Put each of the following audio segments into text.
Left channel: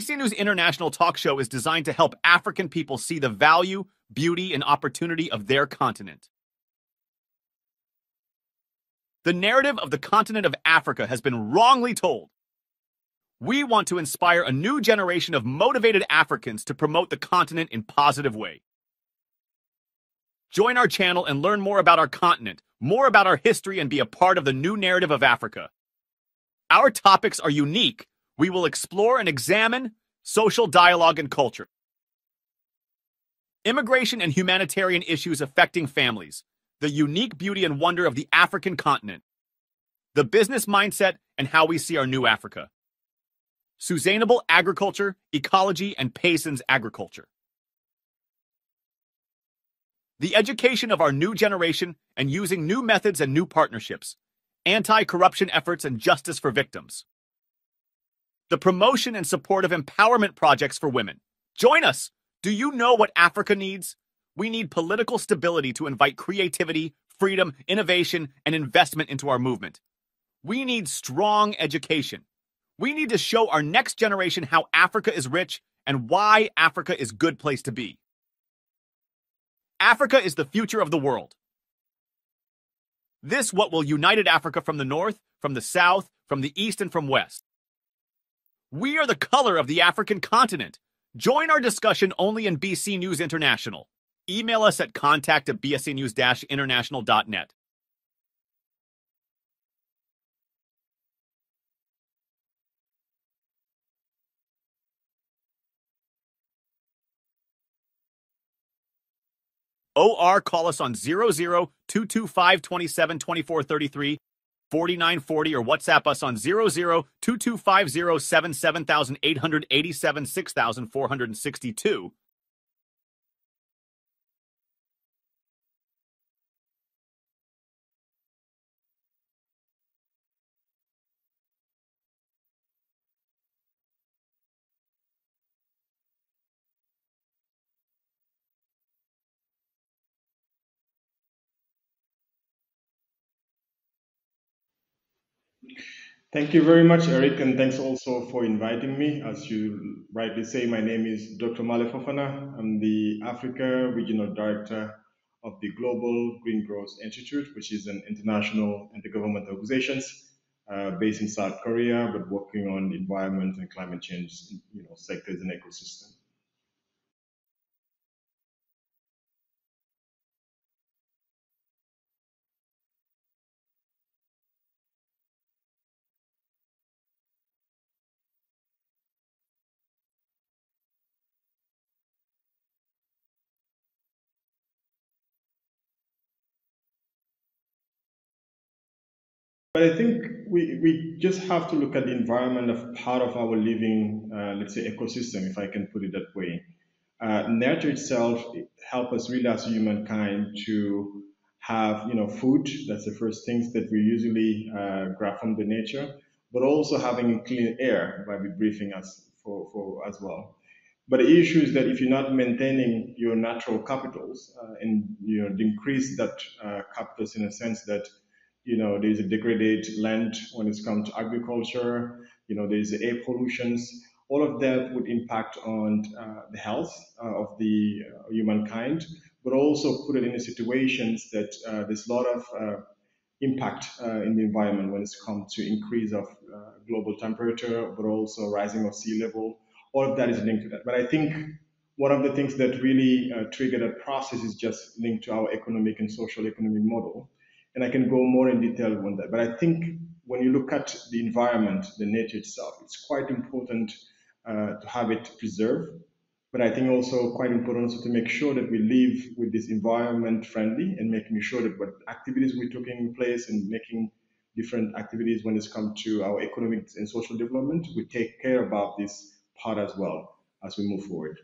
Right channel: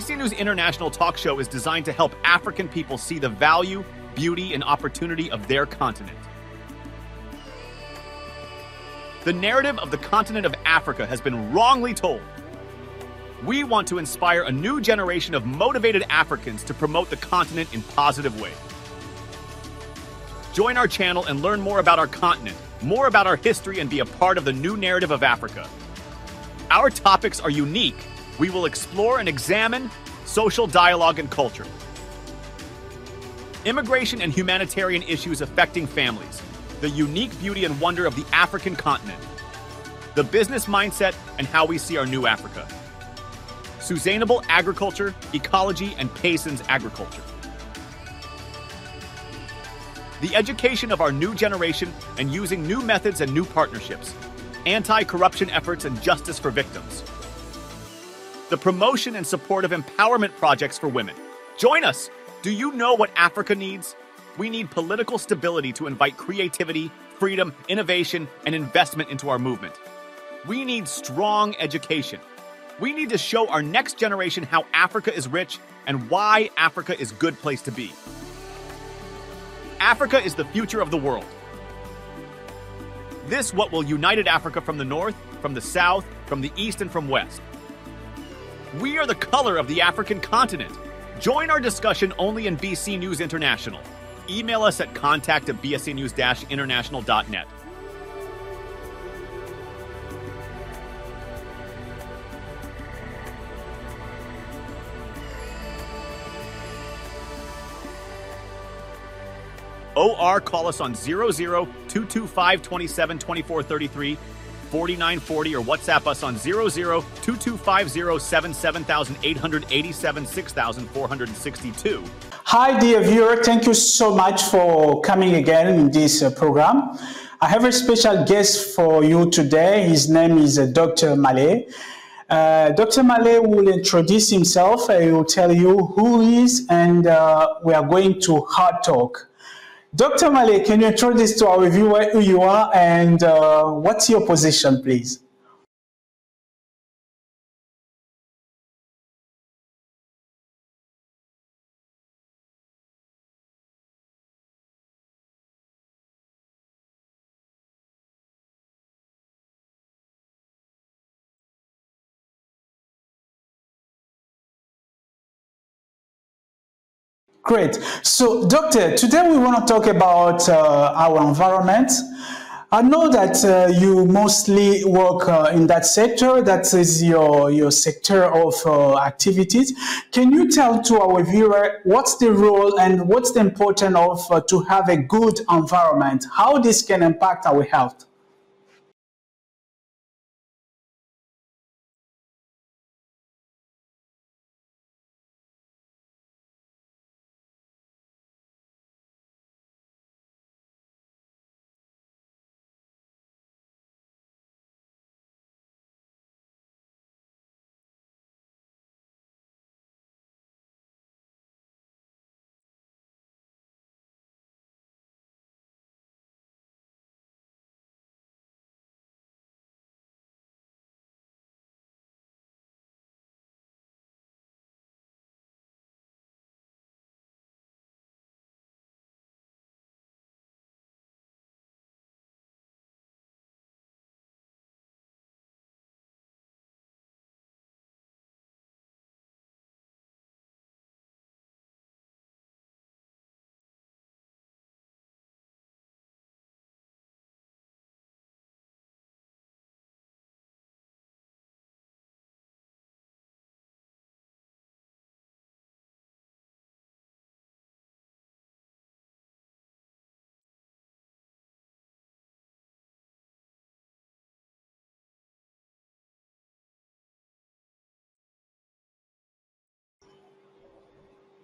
BC News International talk show is designed to help African people see the value, beauty, and opportunity of their continent. The narrative of the continent of Africa has been wrongly told. We want to inspire a new generation of motivated Africans to promote the continent in positive ways. Join our channel and learn more about our continent, more about our history, and be a part of the new narrative of Africa. Our topics are unique. We will explore and examine social dialogue and culture, immigration and humanitarian issues affecting families, the unique beauty and wonder of the African continent, the business mindset and how we see our new Africa, sustainable agriculture, ecology, and peasants agriculture, the education of our new generation and using new methods and new partnerships, anti-corruption efforts and justice for victims, the promotion and support of empowerment projects for women. Join us! Do you know what Africa needs? We need political stability to invite creativity, freedom, innovation, and investment into our movement. We need strong education. We need to show our next generation how Africa is rich and why Africa is a good place to be. Africa is the future of the world. This what will united Africa from the north, from the south, from the east, and from west. We are the color of the African continent. Join our discussion only in BC News International. Email us at contact@bscnews-international.net. OR, call us on 00-225-27-2433, 4940, or WhatsApp us on 00-2250-77,887, 6,462. Hi, dear viewer. Thank you so much for coming again in this program. I have a special guest for you today. His name is Dr. Malle. Dr. Malle will introduce himself. He will tell you who he is, and we are going to hard talk. Dr. Malle, can you introduce to our viewer who you are and what's your position, please? Thank you very much, Eric, and thanks also for inviting me. As you rightly say, my name is Dr. Malle Fofana. I'm the Africa Regional Director of the Global Green Growth Institute, which is an international intergovernmental organization based in South Korea, but working on environment and climate change, sectors and ecosystem. Great. So, Doctor, today we want to talk about our environment. I know that you mostly work in that sector. That is your sector of activities. Can you tell to our viewer what's the role and what's the importance of to have a good environment? How this can impact our health? But I think we just have to look at the environment as part of our living, let's say, ecosystem, if I can put it that way. Nature itself helps us really as humankind to have, food. That's the first things that we usually grab from the nature, but also having clean air by breathing as well. But the issue is that if you're not maintaining your natural capitals and increase that capitals in a sense that there's a degraded land when it's come to agriculture, there's air pollutions. All of that would impact on the health of the humankind, but also put it in situations that there's a lot of impact in the environment when it's come to increase of global temperature, but also rising of sea level. All of that is linked to that. But I think one of the things that really triggered that process is just linked to our economic and social economic model. And I can go more in detail on that. But I think when you look at the environment, the nature itself, it's quite important to have it preserved, but I think also quite important also to make sure that we live with this environment friendly and making sure that what activities we're taking in place and making different activities when it's come to our economic and social development, we take care about this part as well as we move forward.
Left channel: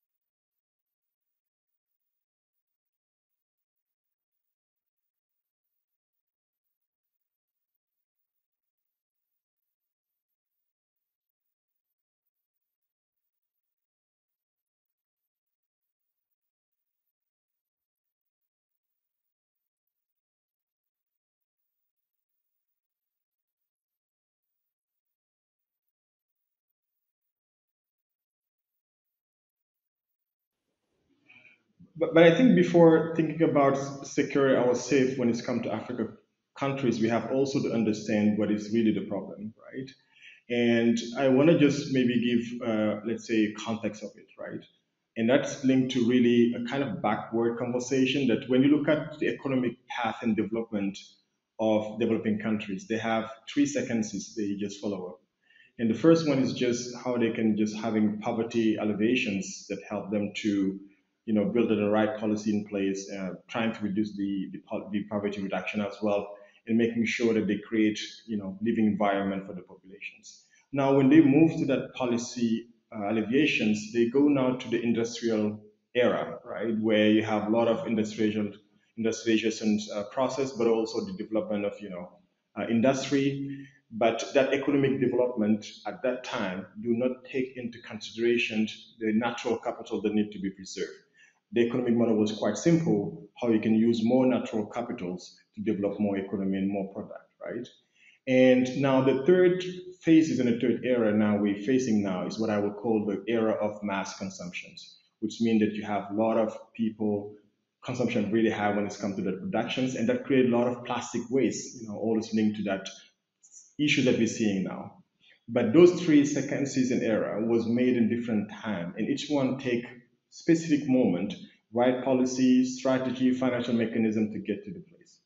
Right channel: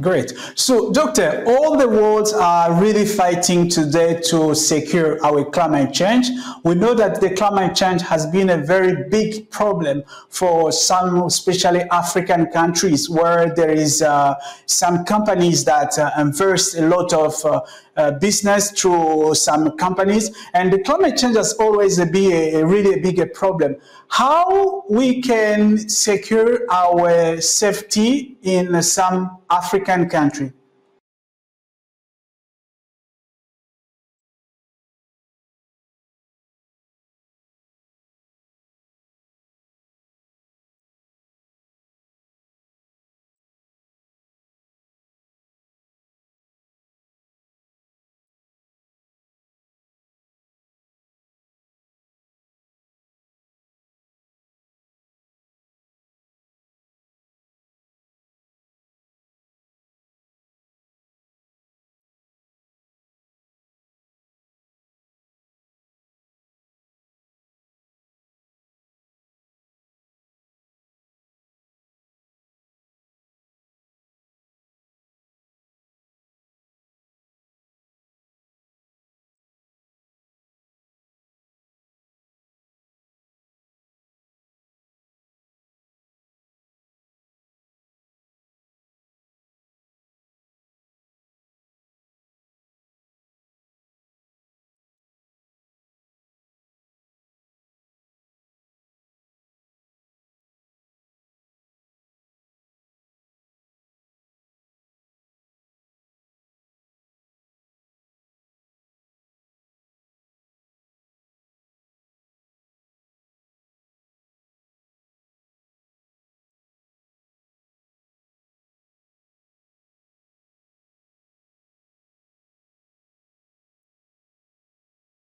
Great. So, Doctor, all the worlds are really fighting today to secure our climate change. We know that the climate change has been a very big problem for some, especially African countries, where there is some companies that invest a lot of business through some companies, and the climate change has always been a really big problem. how we can secure our safety in some African country. But I think before thinking about securing our safe when it's come to Africa countries, we have also to understand what is really the problem, right? And I want to just maybe give, let's say, context of it, right? And that's linked to really a kind of backward conversation that when you look at the economic path and development of developing countries, they have three sequences they just follow up. And the first one is just how they can just having poverty alleviations that help them to, build the right policy in place, trying to reduce the poverty reduction as well, and making sure that they create, living environment for the populations. Now, when they move to that policy alleviations, they go now to the industrial era, right, where you have a lot of industrialization process, but also the development of, industry. But that economic development at that time do not take into consideration the natural capital that need to be preserved. The economic model was quite simple, how you can use more natural capitals to develop more economy and more product, right? And now the third phase is in the third era now we're facing now is what I would call the era of mass consumptions, which means that you have a lot of people, consumption really high when it's come to the productions, and that create a lot of plastic waste, all is linked to that issue that we're seeing now. But those three sequences in era was made in different time, and each one take specific moment, right policy, strategy, financial mechanism to get to the place.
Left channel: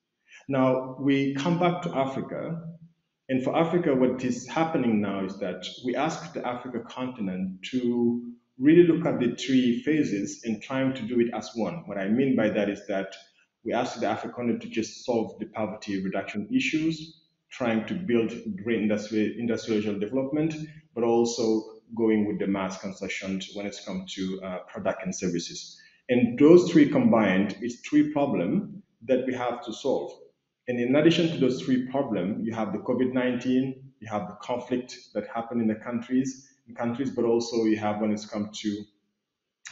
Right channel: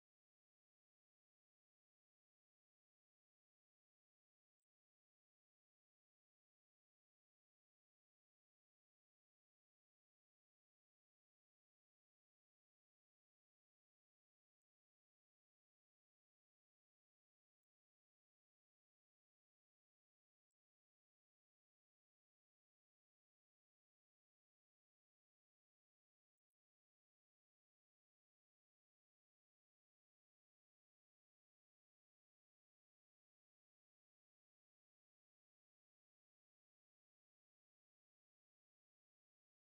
Now we come back to Africa, and for Africa, what is happening now is that we ask the Africa continent to really look at the three phases and trying to do it as one. What I mean by that is that we ask the Africa continent to just solve the poverty reduction issues, trying to build great industrial development, but also going with the mass consumption when it's come to product and services. And those three combined is three problems that we have to solve. And in addition to those three problems, you have the COVID-19, you have the conflict that happened in the countries, but also you have when it's come to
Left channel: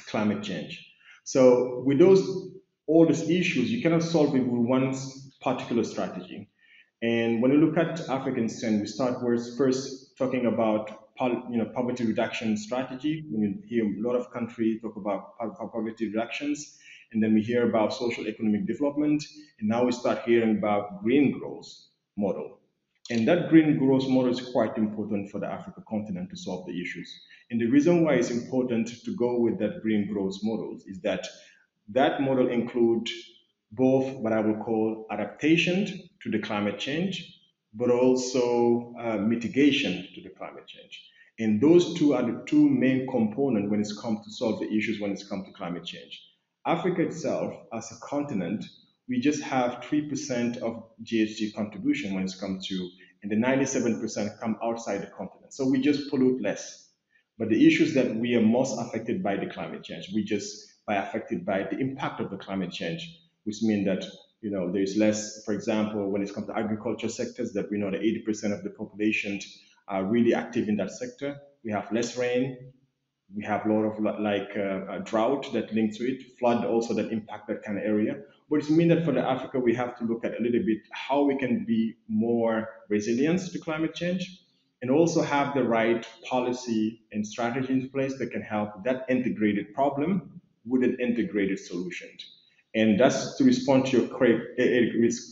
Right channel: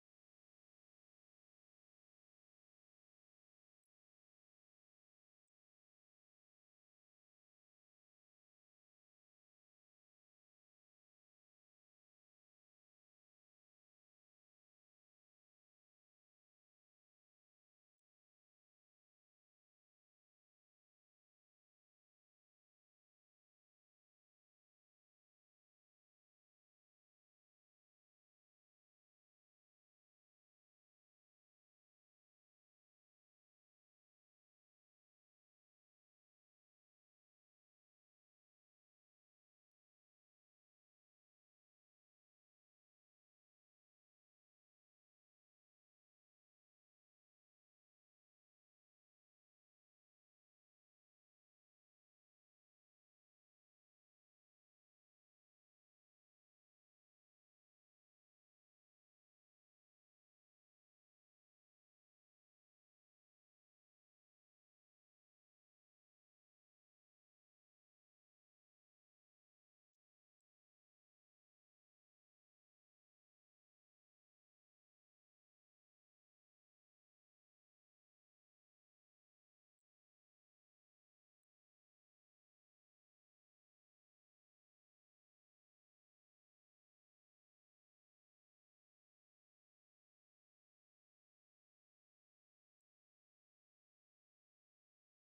climate change. So with all these issues, you cannot solve it with one particular strategy. And when you look at African strength, we start with first talking about poverty reduction strategy. We hear a lot of countries talk about poverty reductions, and then we hear about social economic development, and now we start hearing about green growth model. And that green growth model is quite important for the African continent to solve the issues. And the reason why it's important to go with that green growth model is that that model includes both what I would call adaptation to the climate change, but also mitigation to the climate change. And those two are the two main components when it's come to solve the issues when it's come to climate change. Africa itself, as a continent, we just have 3% of GHG contribution when it's come to, and the 97% come outside the continent. So we just pollute less. But the issues that we are most affected by the climate change, we just are affected by the impact of the climate change, which means that there's less, for example, when it comes to agriculture sectors, that we know that 80% of the population are really active in that sector. We have less rain. We have a lot of drought that links to it, flood also that impact that kind of area. But it means that for the Africa, we have to look at a little bit how we can be more resilient to climate change, and also have the right policy and strategy in place that can help that integrated problem with an integrated solution. And that's to respond to your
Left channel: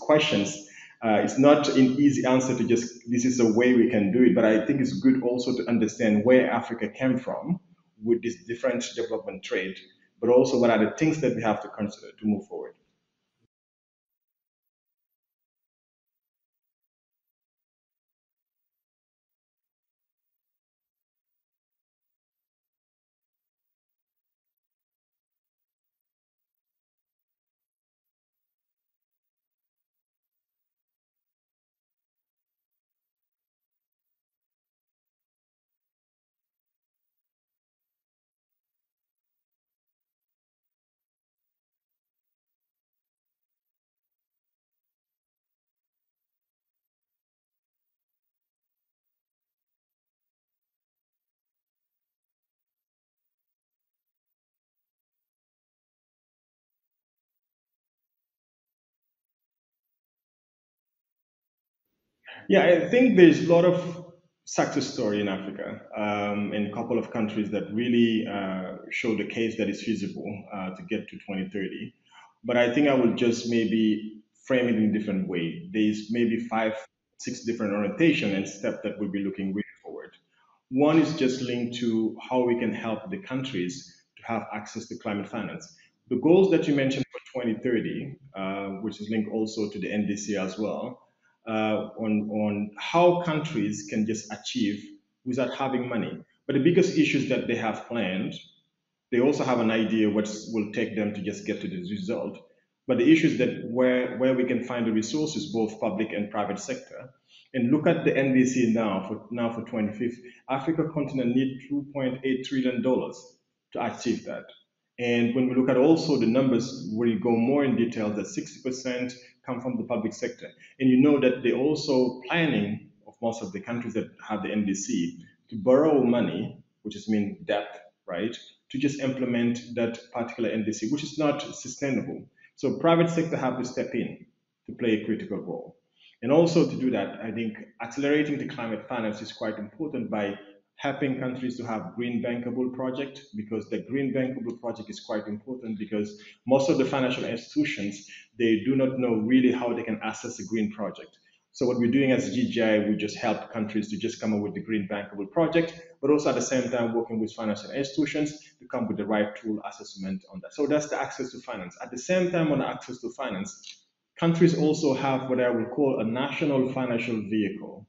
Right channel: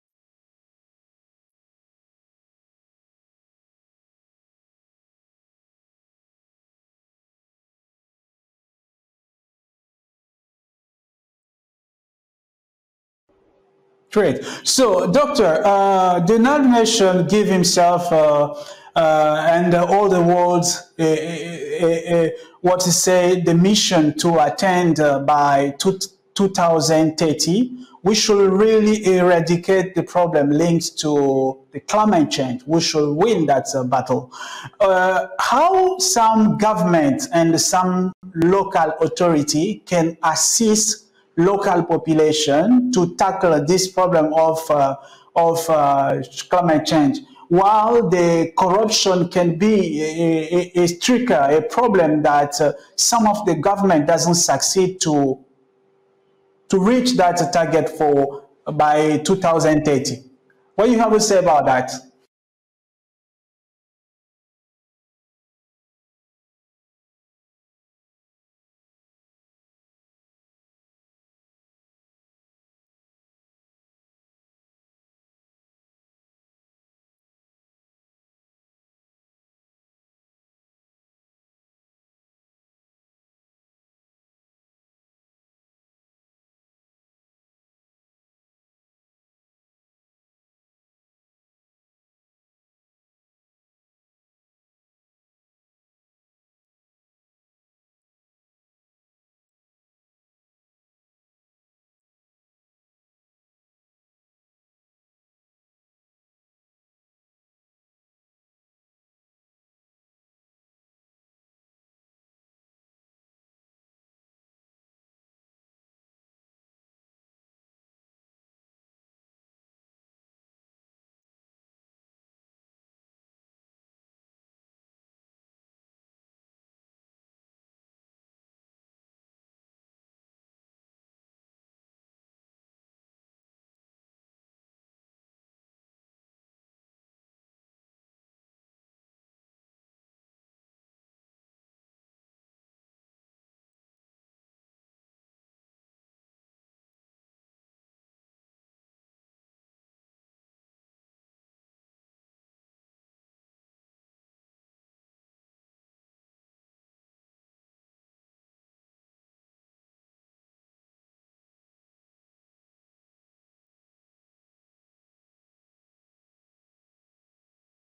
questions. It's not an easy answer to just, this is the way we can do it, but I think it's good also to understand where Africa came from with this different development trade, but also what are the things that we have to consider to move forward. Great. So, Doctor, the United Nations give himself and all the world what to say, the mission to attain by 2030, we should really eradicate the problem linked to the climate change. We should win that battle. How some government and some local authority can assist local population to tackle this problem of climate change, while the corruption can be a trigger, a problem that some of the government doesn't succeed to reach that target for by 2030. What do you have to say about that? Yeah, I think there's a lot of success story in Africa, in a couple of countries that really show the case that it's feasible to get to 2030. But I think I will just maybe frame it in a different way. There's maybe five, six different orientation and steps that we'll be looking really forward. One is just linked to how we can help the countries to have access to climate finance. The goals that you mentioned for 2030, which is linked also to the NDC as well, on how countries can just achieve without having money. But the biggest issues that they have planned, they also have an idea what will take them to just get to this result. But the issue is that where we can find the resources, both public and private sector, and look at the NDC now for 2050, Africa continent need $2.8 trillion to achieve that. And when we look at also the numbers, where you go more in detail, that 60% come from the public sector. And you know that they're also planning of most of the countries that have the NDC to borrow money, which is mean debt, right, to just implement that particular NDC, which is not sustainable. So private sector have to step in to play a critical role. And also to do that, I think accelerating the climate finance is quite important by helping countries to have green bankable project, because the green bankable project is quite important because most of the financial institutions, they do not know really how they can access a green project. So what we're doing as GGI, we just help countries to just come up with the green bankable project, but also at the same time working with financial institutions to come with the right tool assessment on that. So that's the access to finance. At the same time, on access to finance, countries also have what I would call a national financial vehicle.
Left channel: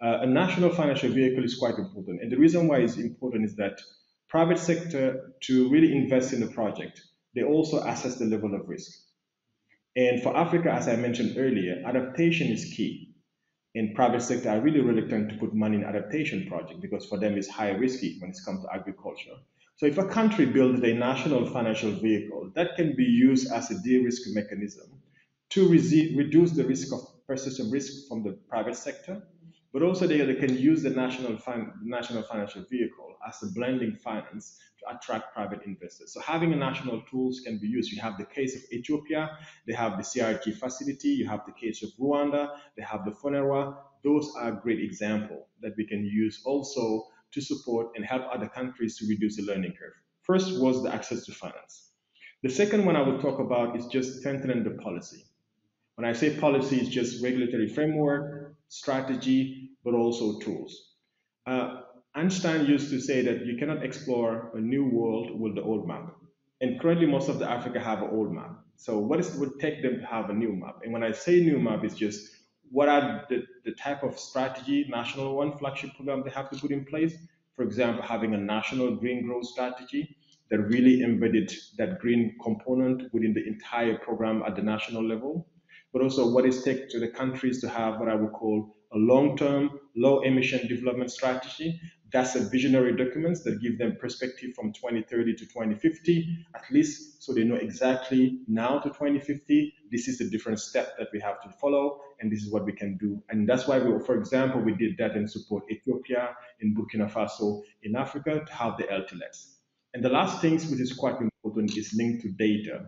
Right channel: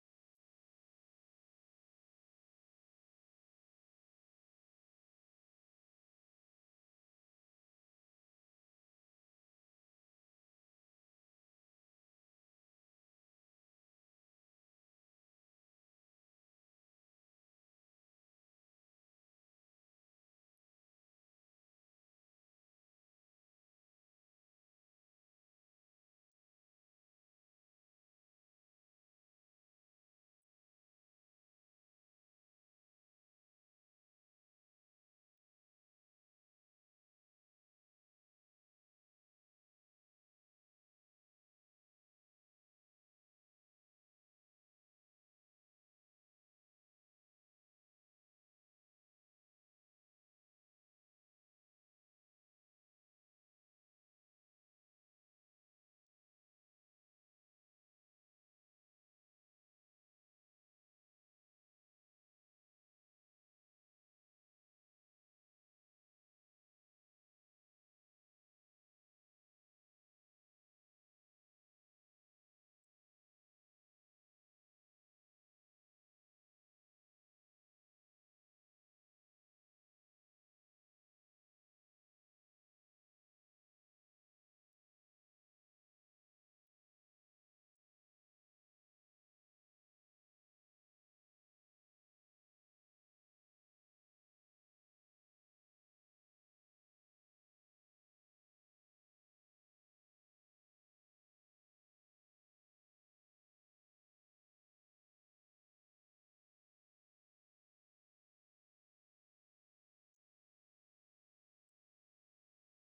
A national financial vehicle is quite important. And the reason why it's important is that private sector, to really invest in the project, they also assess the level of risk. And for Africa, as I mentioned earlier, adaptation is key. And private sector are really reluctant to put money in adaptation project because for them it's high risky when it comes to agriculture. So if a country builds a national financial vehicle, that can be used as a de-risk mechanism to reduce the risk of persistent risk from the private sector, but also they can use the national financial vehicle as a blending finance to attract private investors. So having a national tools can be used. You have the case of Ethiopia, they have the CRG facility, you have the case of Rwanda, they have the FONERWA. Those are a great example that we can use also to support and help other countries to reduce the learning curve. First was the access to finance. The second one I will talk about is just strengthening the policy. When I say policy, it's just regulatory framework, strategy, but also tools. Uh, Einstein used to say that you cannot explore a new world with the old map. And currently, most of the Africa have an old map. So, what is, would take them to have a new map? And when I say new map, it's just what are the type of strategy, national one, flagship program they have to put in place. For example, having a national green growth strategy that really embedded that green component within the entire program at the national level, but also what is take to the countries to have what I would call a long-term, low-emission development strategy. That's a visionary document that give them perspective from 2030 to 2050, at least so they know exactly now to 2050, this is the different step that we have to follow, and this is what we can do. And that's why, we, for example, we did that and support Ethiopia, in Burkina Faso, in Africa, to have the LTLS. And the last things, which is quite important, is linked to data,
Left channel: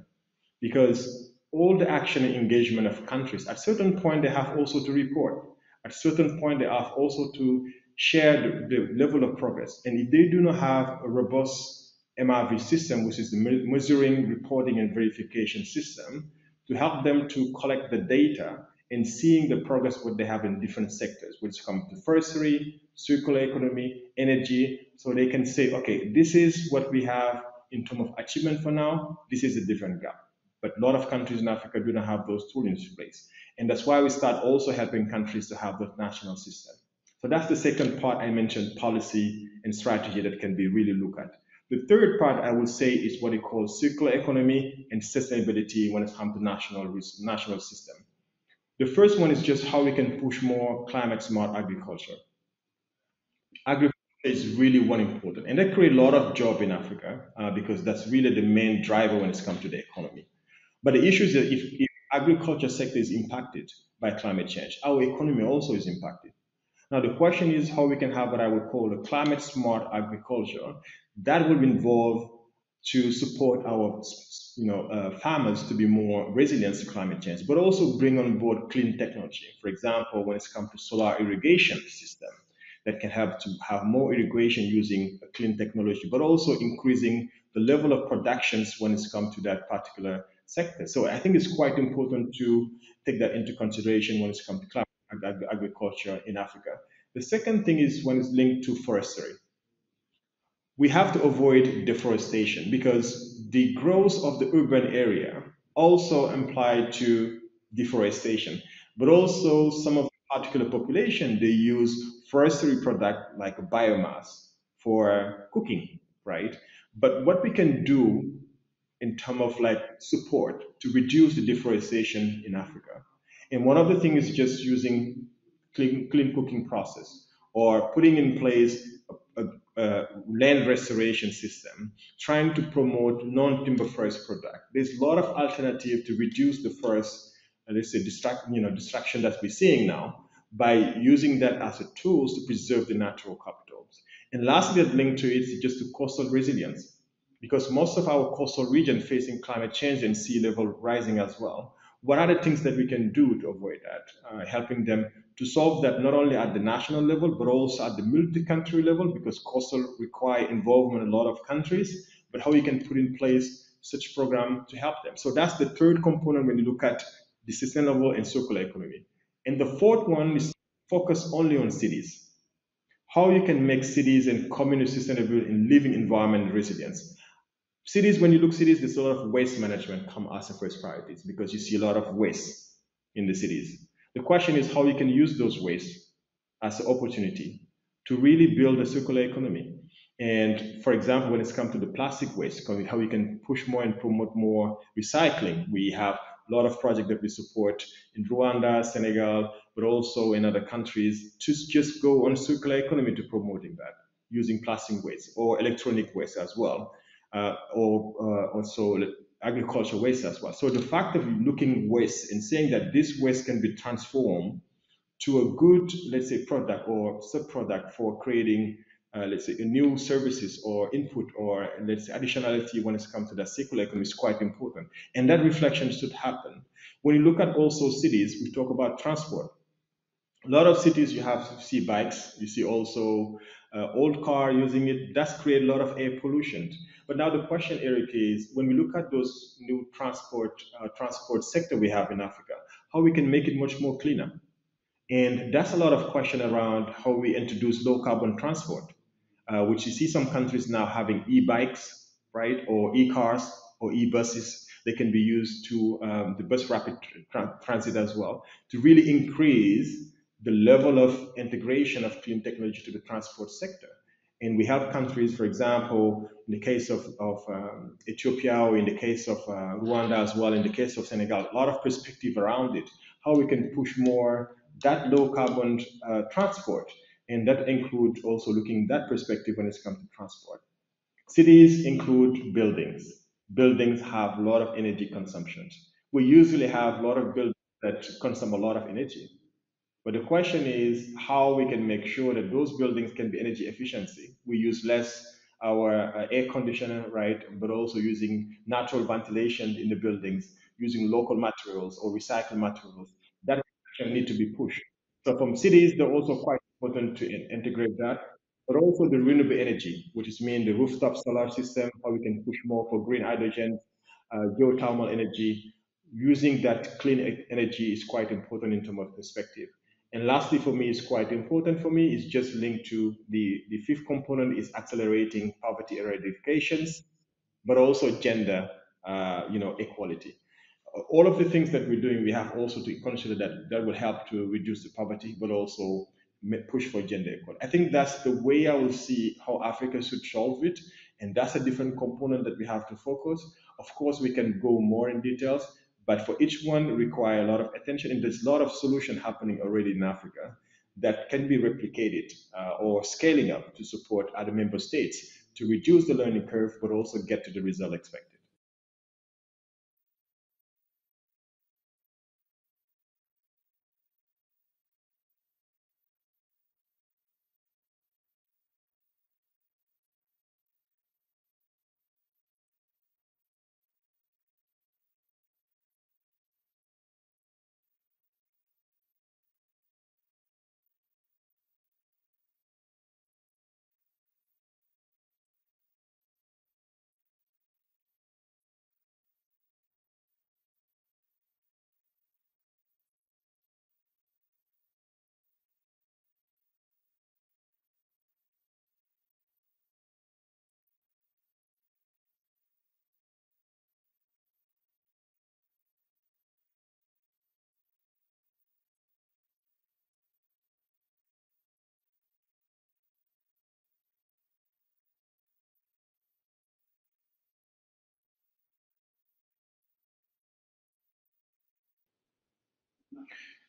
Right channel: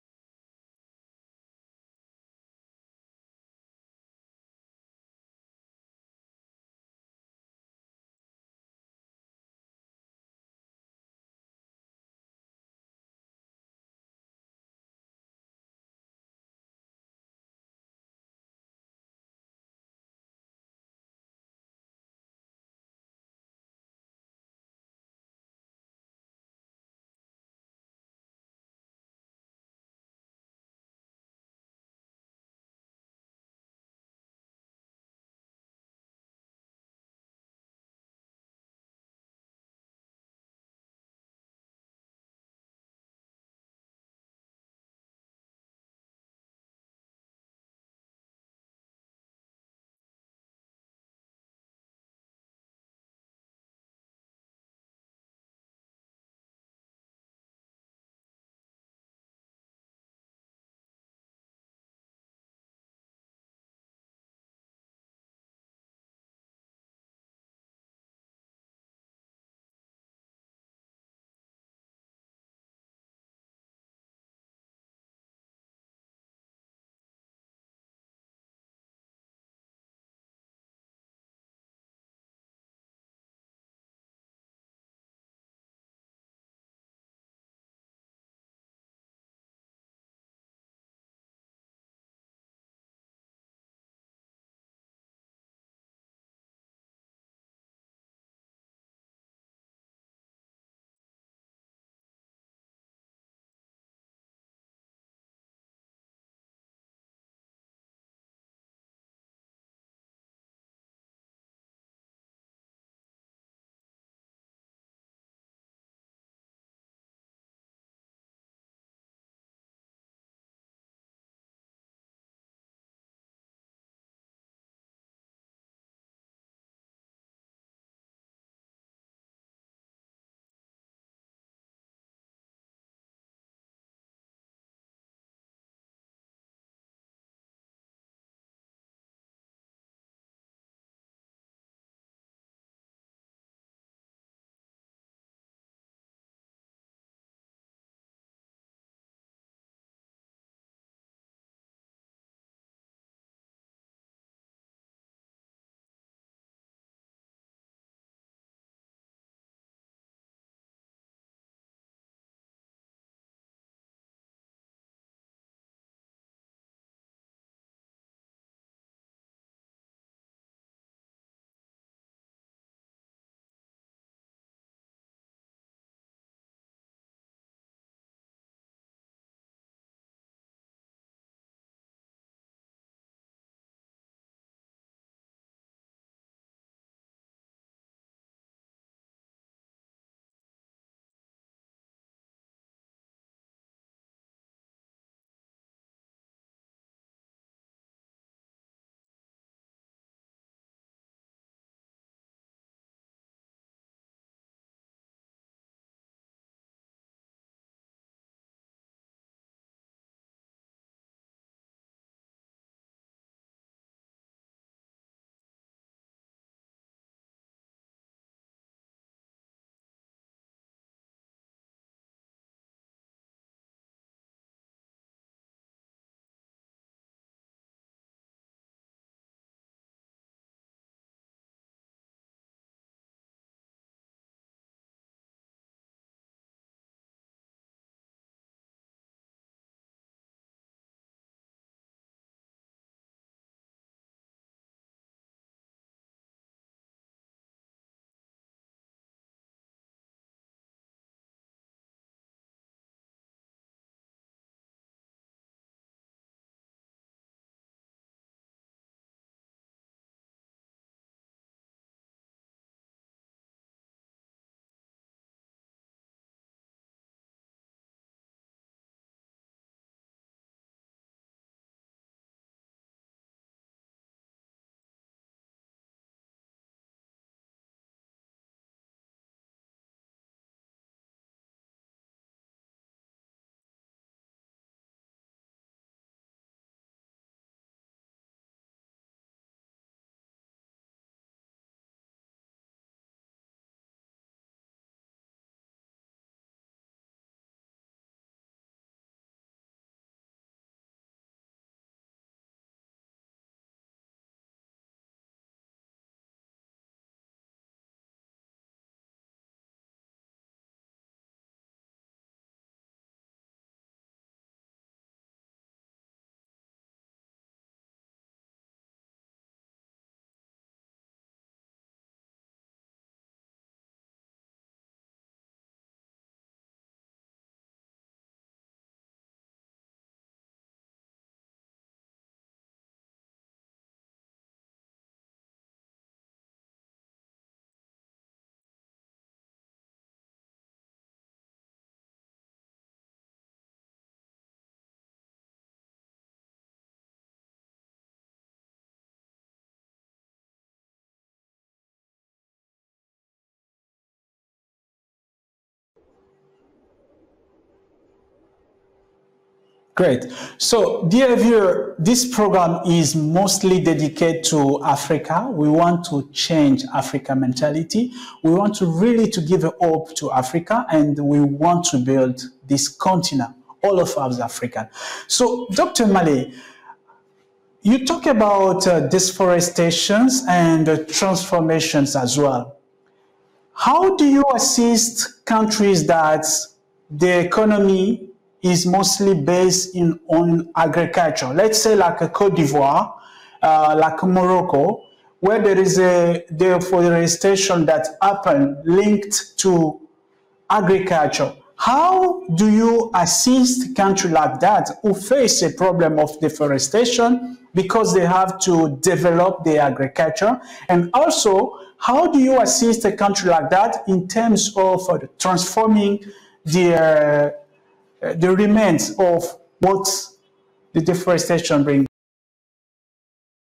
because all the action and engagement of countries, at certain point they have also to report. At certain point they have also to share the level of progress. And if they do not have a robust MRV system, which is the measuring, reporting, and verification system, to help them to collect the data and seeing the progress what they have in different sectors, which come to forestry, circular economy, energy, so they can say, okay, this is what we have in terms of achievement for now, this is a different gap. But a lot of countries in Africa do not have those tools in place. And that's why we start also helping countries to have the national system. So that's the second part I mentioned, policy and strategy that can be really looked at. The third part I would say is what we call circular economy and sustainability when it comes to national system. The first one is just how we can push more climate smart agriculture. Agriculture is really one important, and that create a lot of job in Africa because that's really the main driver when it comes to the economy. But the issue is that if agriculture sector is impacted by climate change, our economy also is impacted. Now the question is how we can have what I would call a climate smart agriculture that will involve to support our farmers to be more resilient to climate change, but also bring on board clean technology. For example, when it comes to solar irrigation system that can help to have more irrigation using a clean technology, but also increasing the level of productions when it's come to that particular sector. So I think it's quite important to take that into consideration when it's come to agriculture in Africa. The second thing is when it's linked to forestry. We have to avoid deforestation because the growth of the urban area also imply to deforestation, but also some of the particular population, they use forestry product like biomass for cooking, right? But what we can do in terms of like support to reduce the deforestation in Africa. And one of the things is just using clean cooking process or putting in place a land restoration system, trying to promote non-timber forest product. There's a lot of alternative to reduce the forest, let's say, destruction that we're seeing now by using that as a tools to preserve the natural capitals. And lastly, that linked to it is just the coastal resilience because most of our coastal region facing climate change and sea level rising as well. What are the things that we can do to avoid that? Helping them to solve that not only at the national level, but also at the multi-country level, because coastal require involvement in a lot of countries, but how we can put in place such program to help them. So that's the third component when you look at the sustainable and circular economy. And the fourth one is focus only on cities. How you can make cities and communities sustainable in living environment resilience. Cities, when you look cities, there's a lot of waste management come as the first priorities because you see a lot of waste in the cities. The question is how you can use those waste as an opportunity to really build a circular economy. And for example, when it's come to the plastic waste, how we can push more and promote more recycling. We have a lot of projects that we support in Rwanda, Senegal, but also in other countries to just go on circular economy to promoting that using plastic waste or electronic waste as well, or also agricultural waste as well. So the fact of looking waste and saying that this waste can be transformed to a good, let's say, product or sub-product for creating, let's say, a new services or input or let's say additionality when it comes to that circular economy is quite important. And that reflection should happen. When you look at also cities, we talk about transport. A lot of cities you have see bikes, you see also old car using it. That's create a lot of air pollution. But now the question, Eric, is when we look at those new transport sector we have in Africa, how we can make it much more cleaner. And that's a lot of question around how we introduce low carbon transport, which you see some countries now having e-bikes, right, or e-cars or e-buses. They can be used to the bus rapid transit as well to really increase the level of integration of clean technology to the transport sector. And we have countries, for example, in the case of Ethiopia or in the case of Rwanda as well, in the case of Senegal, a lot of perspective around it, how we can push more that low carbon transport. And that includes also looking at that perspective when it comes to transport. Cities include buildings. Buildings have a lot of energy consumption. We usually have a lot of buildings that consume a lot of energy. But the question is how we can make sure that those buildings can be energy efficiency. We use less our air conditioner, right? But also using natural ventilation in the buildings, using local materials or recycled materials. That need to be pushed. So from cities, they're also quite important to integrate that, but also the renewable energy, which is mean the rooftop solar system, how we can push more for green hydrogen, geothermal energy. Using that clean energy is quite important in terms of perspective. And lastly, for me, is quite important for me, is just linked to the fifth component is accelerating poverty eradications, but also gender, equality. All of the things that we're doing, we have also to consider that that will help to reduce the poverty, but also push for gender equality. I think that's the way I will see how Africa should solve it, and that's a different component that we have to focus. Of course, we can go more in details, but for each one require a lot of attention, and there's a lot of solution happening already in Africa that can be replicated or scaling up to support other member states to reduce the learning curve, but also get to the result expected. Great. So, dear viewer, this program is mostly dedicated to Africa. We want to change Africa mentality. We want to really to give a hope to Africa, and we want to build this continent, all of us African. So, Dr. Malle, you talk about deforestations and transformations as well. How do you assist countries that the economy is mostly based on agriculture? Let's say like a Cote d'Ivoire, like Morocco, where there is a deforestation that happened linked to agriculture. How do you assist countries like that who face a problem of deforestation because they have to develop their agriculture? And also, how do you assist a country like that in terms of transforming the remains of what the deforestation brings?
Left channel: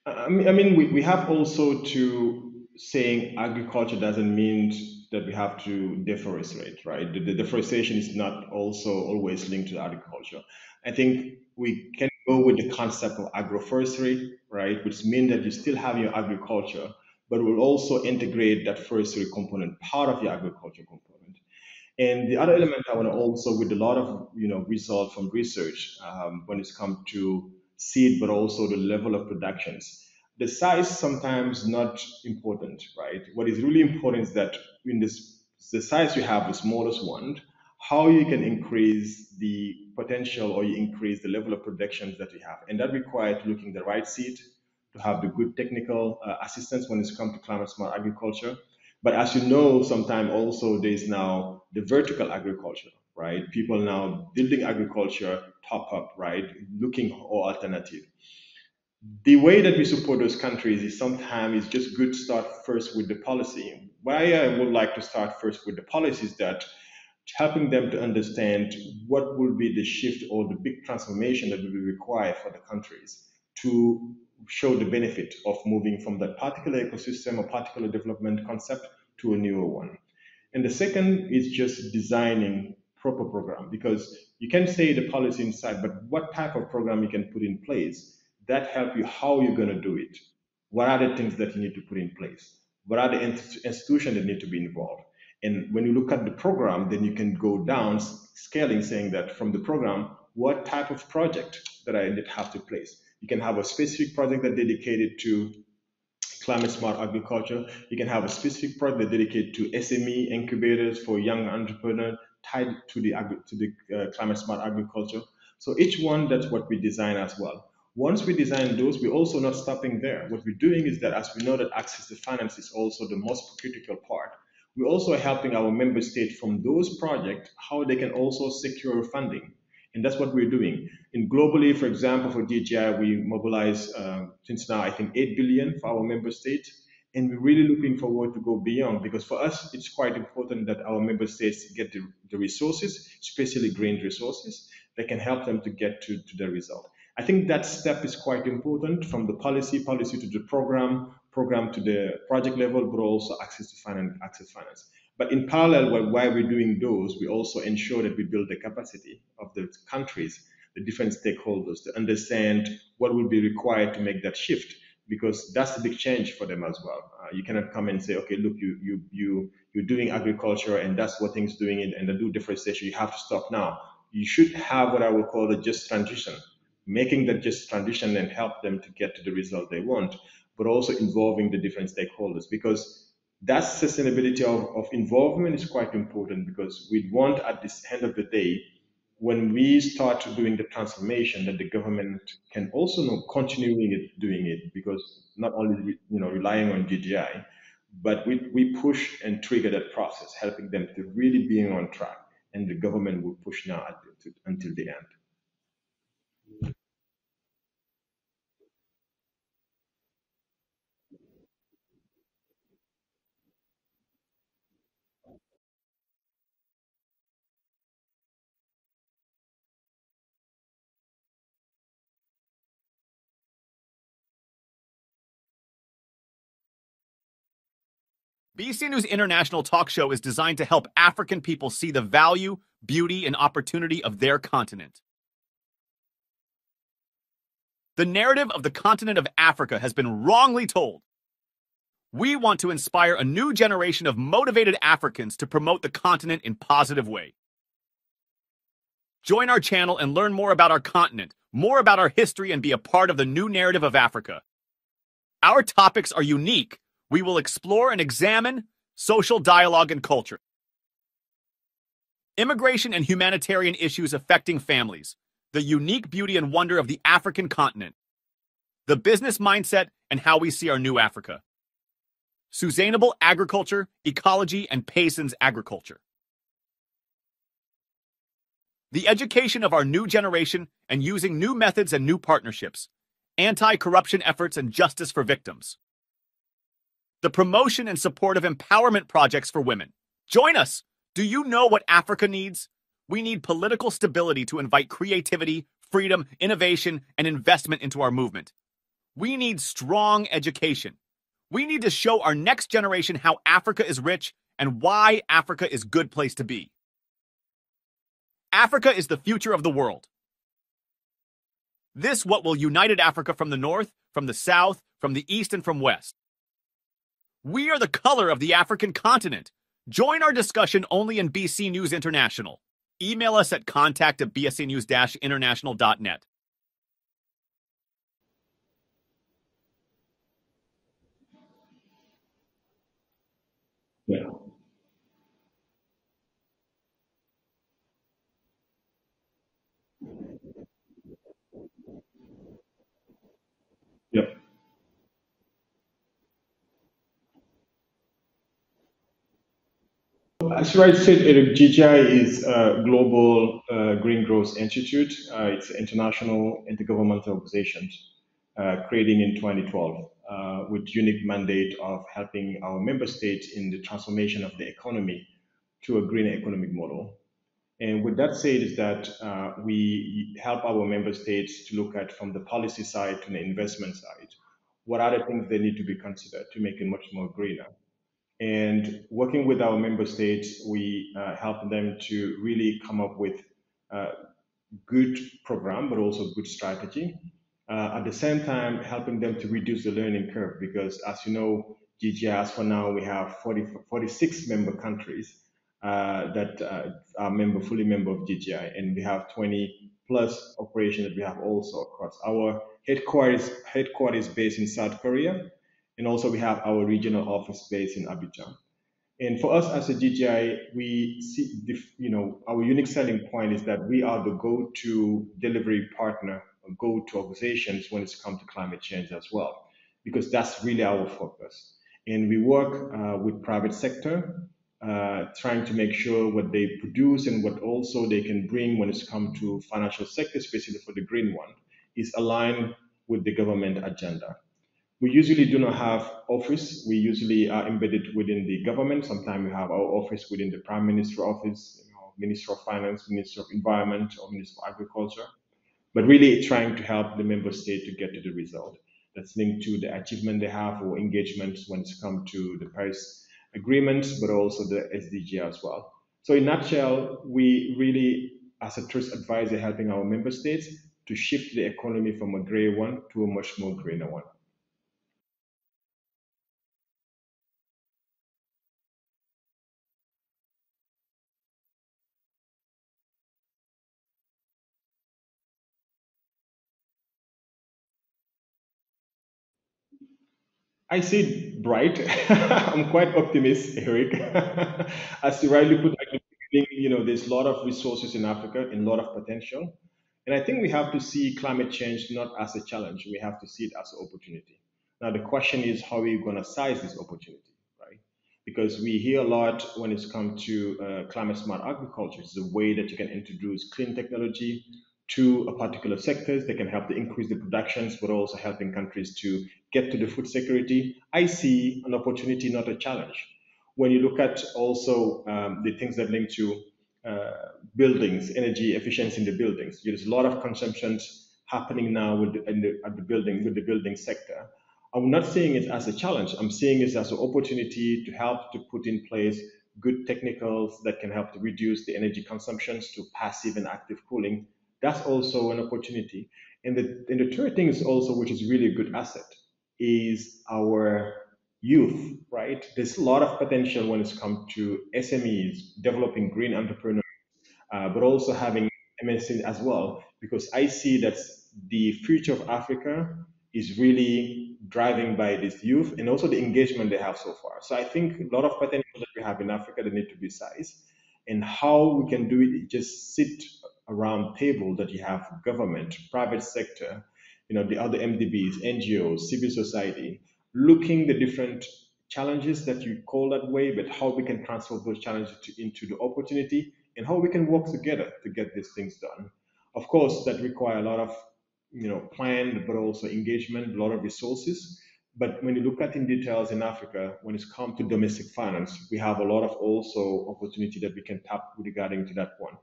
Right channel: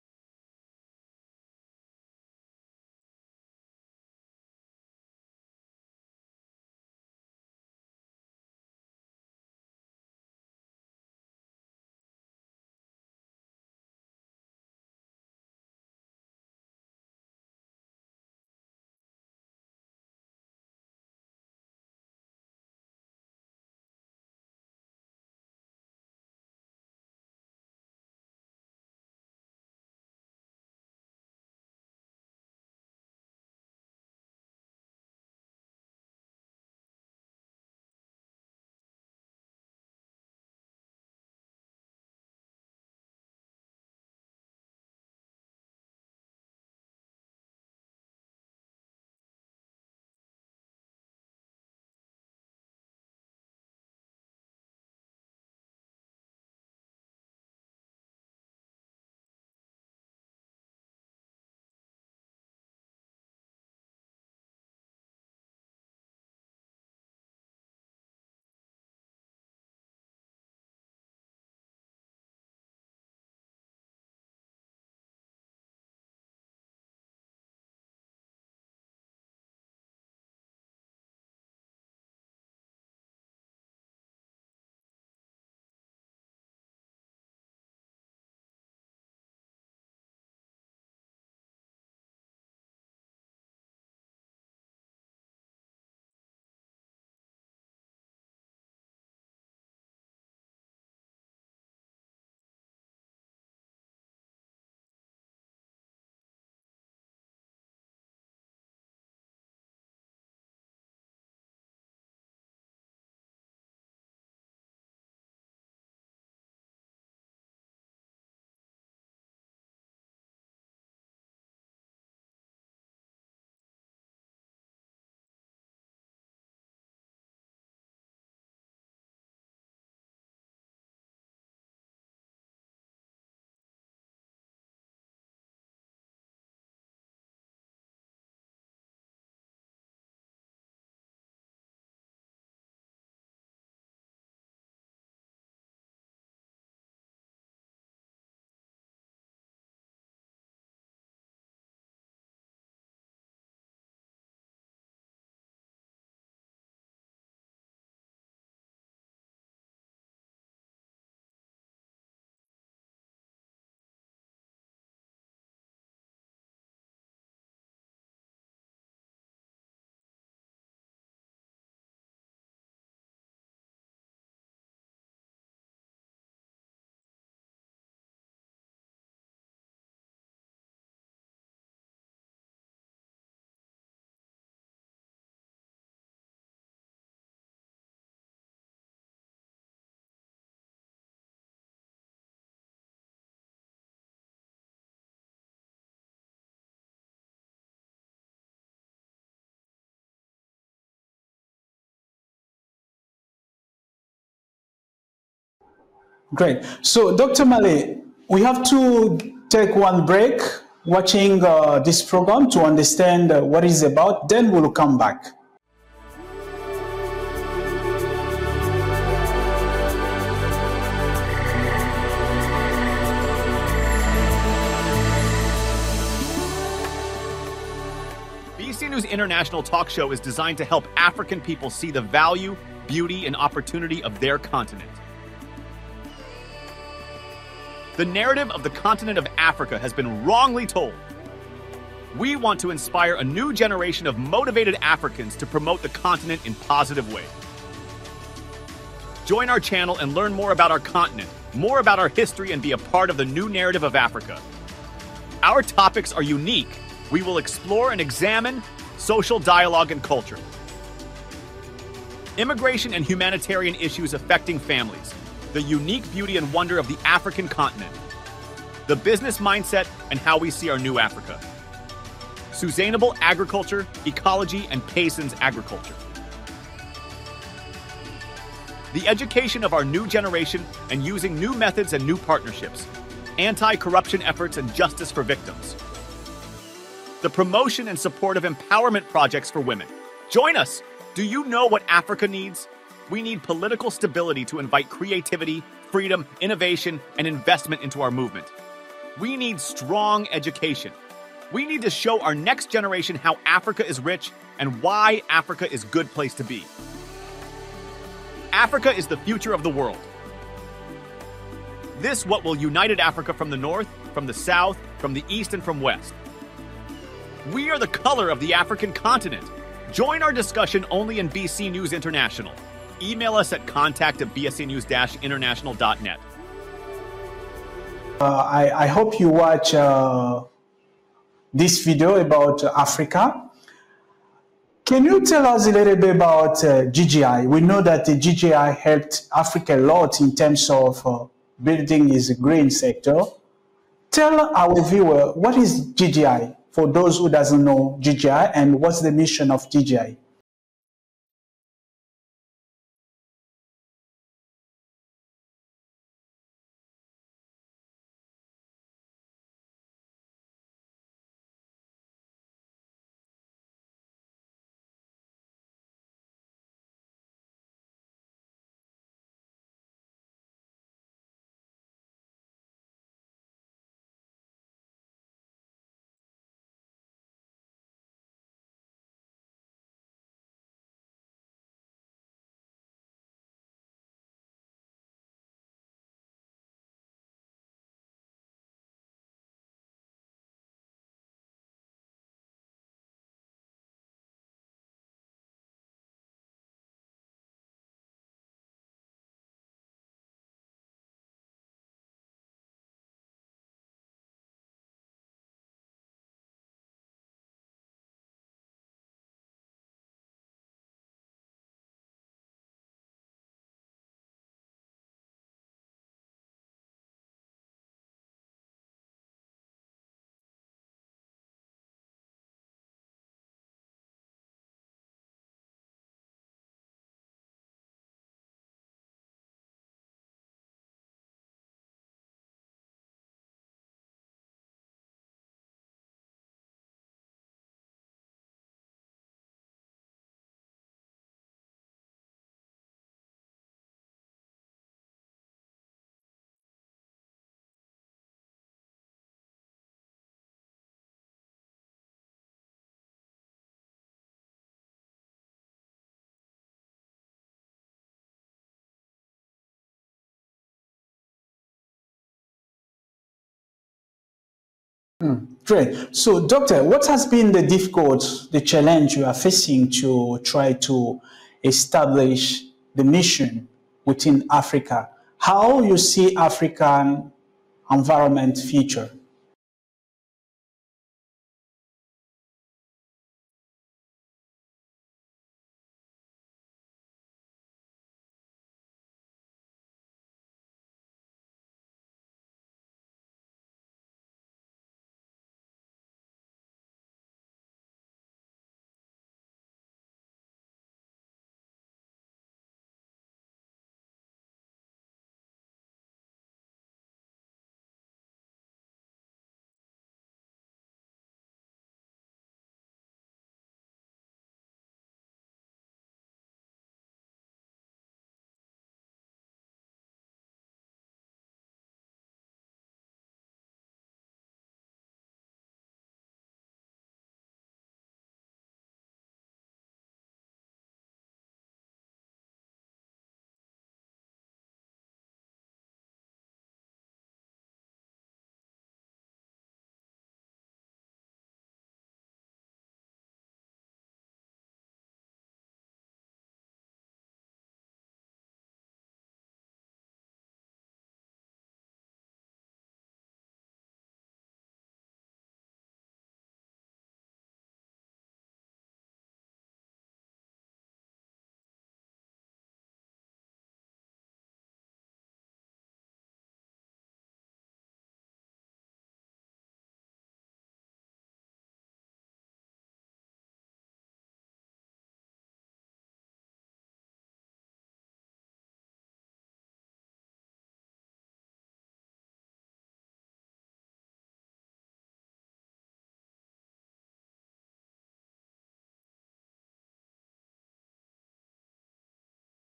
I mean, we have also to saying agriculture doesn't mean that we have to deforest, right? The deforestation is not also always linked to agriculture. I think we can go with the concept of agroforestry, right, which means that you still have your agriculture, but will also integrate that forestry component, part of your agriculture component. And the other element I want to also, with a lot of result from research when it's come to seed, but also the level of productions. The size sometimes not important, right? What is really important is that in the size you have, the smallest one, how you can increase the potential or you increase the level of productions that you have. And that requires looking the right seed, to have the good technical assistance when it's come to climate smart agriculture. But as you know, sometimes also there's now the vertical agriculture, right? People now building agriculture top up, right? Looking for alternative. The way that we support those countries is sometimes it's just good to start first with the policy. Why I would like to start first with the policy is that helping them to understand what will be the shift or the big transformation that will be required for the countries to show the benefit of moving from that particular ecosystem or particular development concept to a newer one. And the second is just designing proper program, because you can say the policy inside, but what type of program you can put in place that help you how you're going to do it. What are the things that you need to put in place? What are the institutions that need to be involved? And when you look at the program, then you can go down scaling, saying that from the program, what type of project that I need to have to place. You can have a specific project that dedicated to climate smart agriculture. You can have a specific project dedicated to SME incubators for young entrepreneurs tied to the climate smart agriculture. So each one, that's what we design as well. Once we design those, we're also not stopping there. What we're doing is that, as we know that access to finance is also the most critical part, we're also helping our member states from those projects, how they can also secure funding. And that's what we're doing. And globally, for example, for DGI, we mobilize since now, I think, 8 billion for our member states. And we're really looking forward to go beyond, because for us, it's quite important that our member states get the resources, especially green resources, that can help them to get to the result. I think that step is quite important, from the policy to the program to the project level, but also access to finance. But in parallel, while we're doing those, we also ensure that we build the capacity of the countries, the different stakeholders, to understand what will be required to make that shift, because that's a big change for them as well. You cannot come and say, okay, look, you're doing agriculture and that's what things doing it, and they do deforestation, you have to stop now. You should have what I would call a just transition, making that just transition and help them to get to the result they want, but also involving the different stakeholders, because that sustainability of involvement is quite important, because we want, at this end of the day, when we start doing the transformation, that the government can also continuing doing it, because not only relying on DGI, but we push and trigger that process, helping them to really being on track, and the government will push now until the end. Great. So, Dr. Malle, we have to take one break watching this program to understand what it's about. Then we'll come back. BC News International Talk Show is designed to help African people see the value, beauty, and opportunity of their continent. The narrative of the continent of Africa has been wrongly told. We want to inspire a new generation of motivated Africans to promote the continent in positive ways. Join our channel and learn more about our continent, more about our history, and be a part of the new narrative of Africa. Our topics are unique. We will explore and examine social dialogue and culture, immigration and humanitarian issues affecting families, the unique beauty and wonder of the African continent, the business mindset and how we see our new Africa, sustainable agriculture, ecology, and peasants agriculture, the education of our new generation and using new methods and new partnerships, anti-corruption efforts and justice for victims, the promotion and support of empowerment projects for women. Join us! Do you know what Africa needs? We need political stability to invite creativity, freedom, innovation, and investment into our movement. We need strong education. We need to show our next generation how Africa is rich and why Africa is a good place to be. Africa is the future of the world. This what will unite Africa from the north, from the south, from the east, and from west. We are the color of the African continent. Join our discussion only in BC News International. Email us at contact@bscnews-international.net. I hope you watch this video about Africa. Yeah. Can you tell us a little bit about GGI? We know that the GGI helped Africa a lot in terms of building its green sector. Tell our viewer, what is GGI? For those who doesn't know GGI, and what's the mission of GGI? As you rightly said, Eric, GGI is a global green growth institute. It's an international intergovernmental organization created in 2012 with unique mandate of helping our member states in the transformation of the economy to a green economic model. And with that said is that we help our member states to look at from the policy side to the investment side, what are the things they need to be considered to make it much more greener. And working with our member states, we help them to really come up with a good program, but also good strategy. At the same time, helping them to reduce the learning curve, because as you know, GGI, as for now, we have 46 member countries that are fully member of GGI, and we have 20 plus operations that we have also across. Our headquarters based in South Korea, and also we have our regional office based in Abidjan. And for us as a GGI, we see, our unique selling point is that we are the go-to delivery partner, or go-to organizations when it's come to climate change as well, because that's really our focus. And we work with private sector, trying to make sure what they produce and what also they can bring when it's come to financial sector, especially for the green one, is aligned with the government agenda. We usually do not have office. We usually are embedded within the government. Sometimes we have our office within the Prime Minister office, Minister of Finance, Minister of Environment, or Minister of Agriculture, but really trying to help the member state to get to the result that's linked to the achievement they have or engagements when it's come to the Paris Agreement, but also the SDG as well. So in a nutshell, we really, as a trust advisor, helping our member states to shift the economy from a gray one to a much more greener one. Great. So, Doctor, what has been the challenge you are facing to try to establish the mission within Africa? How you see African environment future? I see it bright. I'm quite optimistic, Eric. As you rightly put, there's a lot of resources in Africa and a lot of potential. And I think we have to see climate change not as a challenge. We have to see it as an opportunity. Now, the question is, how are you going to size this opportunity, right? Because we hear a lot when it's come to climate smart agriculture. It's a way that you can introduce clean technology to a particular sectors that can help to increase the productions, but also helping countries to get to the food security. I see an opportunity, not a challenge. When you look at also the things that link to buildings, energy efficiency in the buildings, there's a lot of consumptions happening now with the building sector. I'm not seeing it as a challenge. I'm seeing it as an opportunity to help to put in place good technicals that can help to reduce the energy consumptions to passive and active cooling. That's also an opportunity. And the third thing is also, which is really a good asset, is our youth, right? There's a lot of potential when it's come to SMEs, developing green entrepreneurs, but also having MSC as well, because I see that the future of Africa is really driving by this youth and also the engagement they have so far. So I think a lot of potential that we have in Africa that need to be sized, and how we can do it is just sit around table that you have government, private sector, the other MDBs, NGOs, civil society, looking the different challenges that you call that way, but how we can transform those challenges into the opportunity, and how we can work together to get these things done. Of course, that require a lot of plan, but also engagement, a lot of resources. But when you look at in details in Africa, when it's come to domestic finance, we have a lot of also opportunity that we can tap regarding to that one.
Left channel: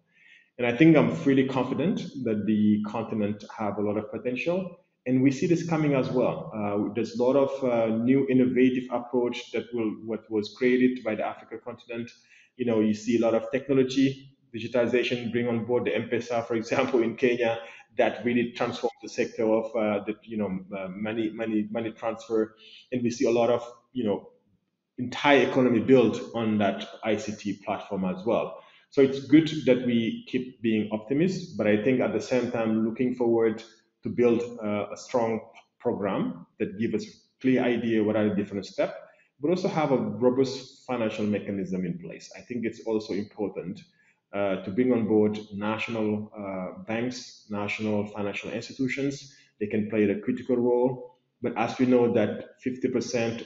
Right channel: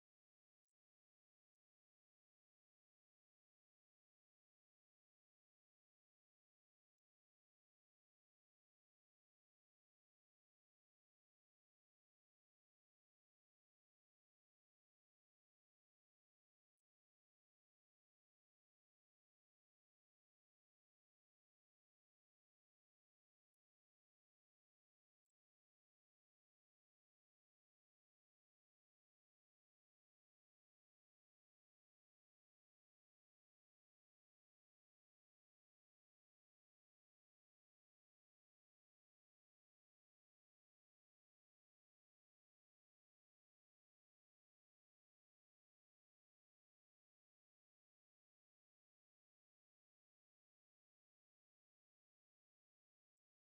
And I think I'm really confident that the continent have a lot of potential. And we see this coming as well. There's a lot of new innovative approach that what was created by the Africa continent. You see a lot of technology, digitization, bring on board the M-Pesa, for example, in Kenya, that really transformed the sector of money transfer. And we see a lot of entire economy built on that ICT platform as well. So it's good that we keep being optimists, but I think at the same time looking forward to build a strong program that gives us clear idea what are the different steps, but also have a robust financial mechanism in place. I think it's also important to bring on board national banks, national financial institutions. They can play a critical role. But as we know that 50%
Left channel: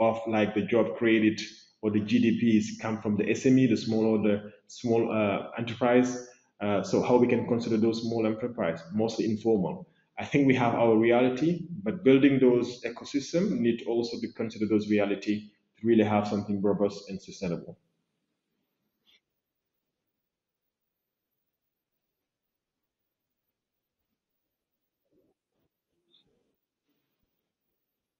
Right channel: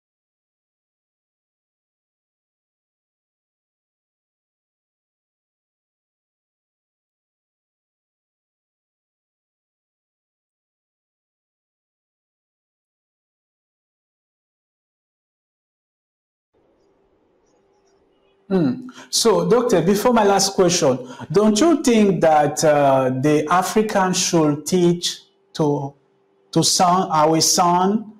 of like the job created or the GDPs come from the SME, the small enterprise. So how we can consider those small enterprise, mostly informal. I think we have our reality, but building those ecosystem need also to consider those reality to really have something robust and sustainable. So, Doctor, before my last question, don't you think that the Africans should teach to our son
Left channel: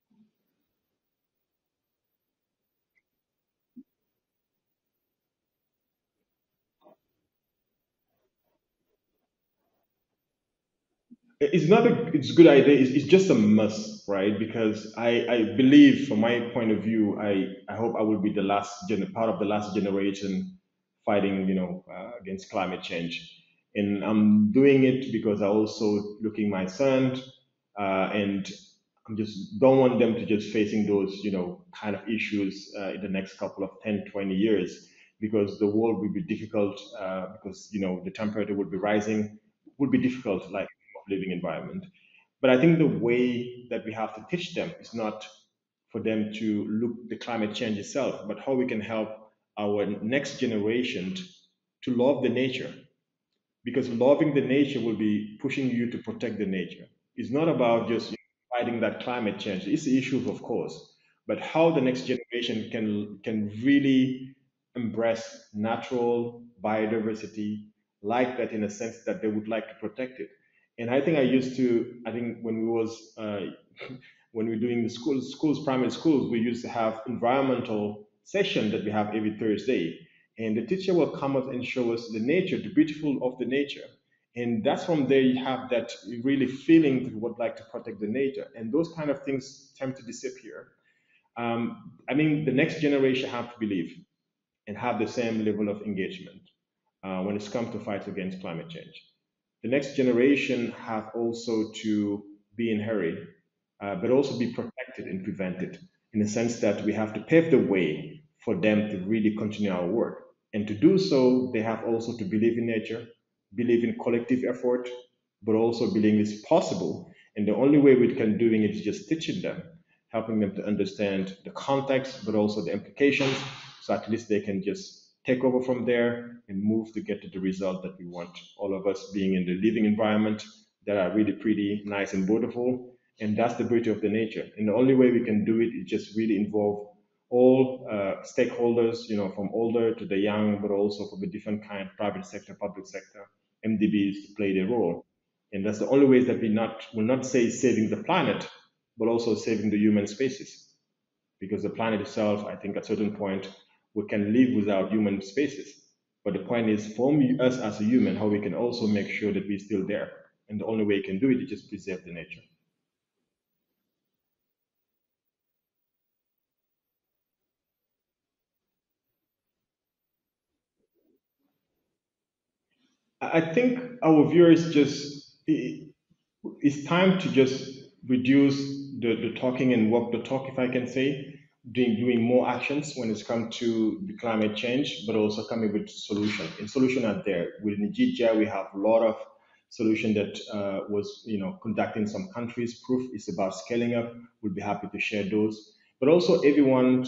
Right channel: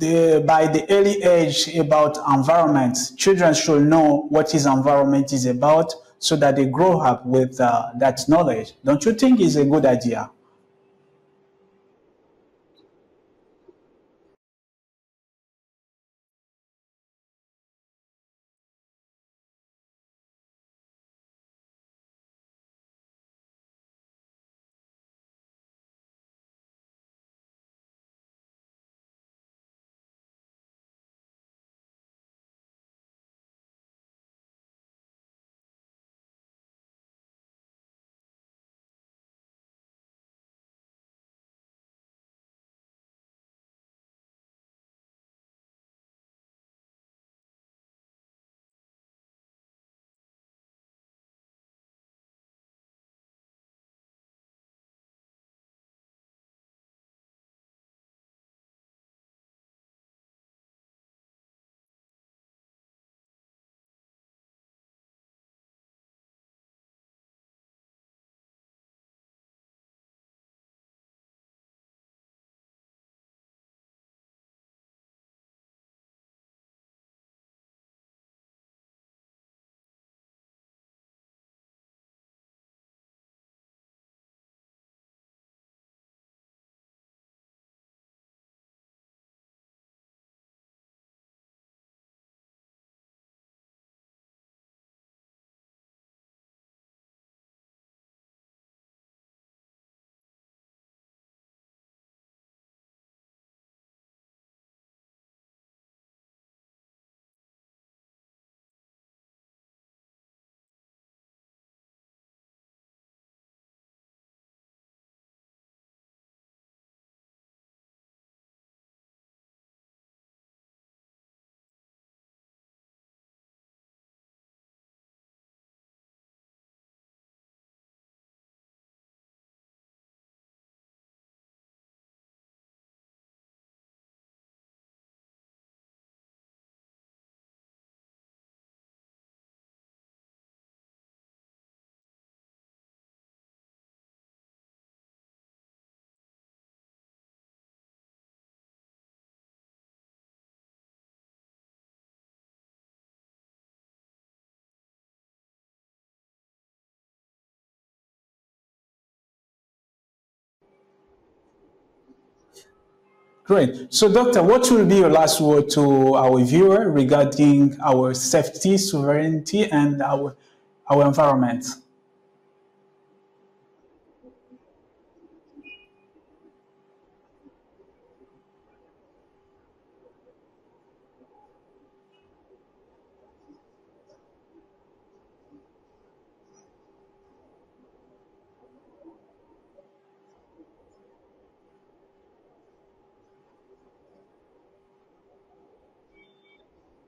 by the early age about environment? Children should know what his environment is about so that they grow up with that knowledge. Don't you think it's a good idea? It's not a it's a good idea. It's just a must, right? Because I believe, from my point of view, I hope I will be the part of the last generation fighting, against climate change. And I'm doing it because I also looking my son, and I'm just don't want them to just facing those, kind of issues in the next couple of 10, 20 years, because the world will be difficult, because, the temperature will be rising, would be difficult, like living environment. But I think the way that we have to teach them is not for them to look the climate change itself, but how we can help our next generation to love the nature, because loving the nature will be pushing you to protect the nature. It's not about just fighting that climate change. It's the issue, of course, but how the next generation can really embrace natural biodiversity like that, in a sense that they would like to protect it. And I think when we was when we're doing the primary schools, we used to have environmental session that we have every Thursday, and the teacher will come up and show us the nature, the beautiful of the nature. And that's from there you have that really feeling that you would like to protect the nature. And those kind of things tend to disappear. I mean, the next generation have to believe and have the same level of engagement when it's come to fight against climate change. The next generation have also to be in hurry, but also be protected and prevented, in the sense that we have to pave the way for them to really continue our work. And to do so, they have also to believe in nature, believe in collective effort, but also believe it's possible. And the only way we can doing it is just teaching them, helping them to understand the context, but also the implications, so at least they can just take over from there and move to get to the result that we want. All of us being in the living environment that are really pretty nice and beautiful. And that's the beauty of the nature. And the only way we can do it is just really involve all stakeholders, from older to the young, but also from the different kind, private sector, public sector, MDBs to play their role. And that's the only way that will not say saving the planet, but also saving the human species. Because the planet itself, I think at a certain point, we can live without human spaces. But the point is, for us as a human, how we can also make sure that we're still there And the only way you can do it is just preserve the nature. Great. So, Doctor, what will be your last word to our viewer regarding our safety, sovereignty, and our environment? I think our viewers it's time to just reduce the talking and walk the talk, if I can say, doing more actions when it's come to the climate change, but also coming with solution. And solution are there. Within GGI, we have a lot of solution that was conducted in some countries. Proof is about scaling up. We'll be happy to share those. But also everyone,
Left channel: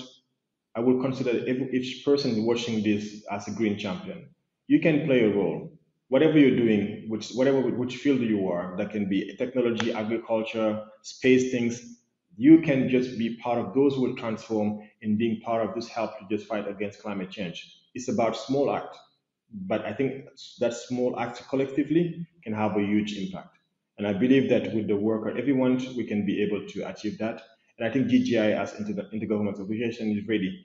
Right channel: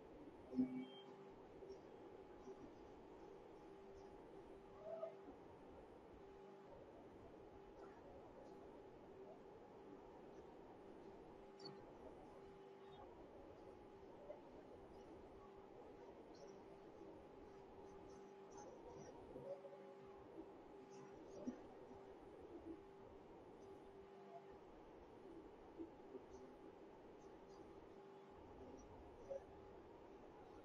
I would consider each person watching this as a green champion. You can play a role. Whatever you're doing, which field you are, that can be technology, agriculture, space things, you can just be part of those who will transform, and being part of this help to just fight against climate change. It's about small act, but I think that small act collectively can have a huge impact. And I believe that with the work of everyone, we can be able to achieve that. And I think GGI as intergovernmental organization is ready,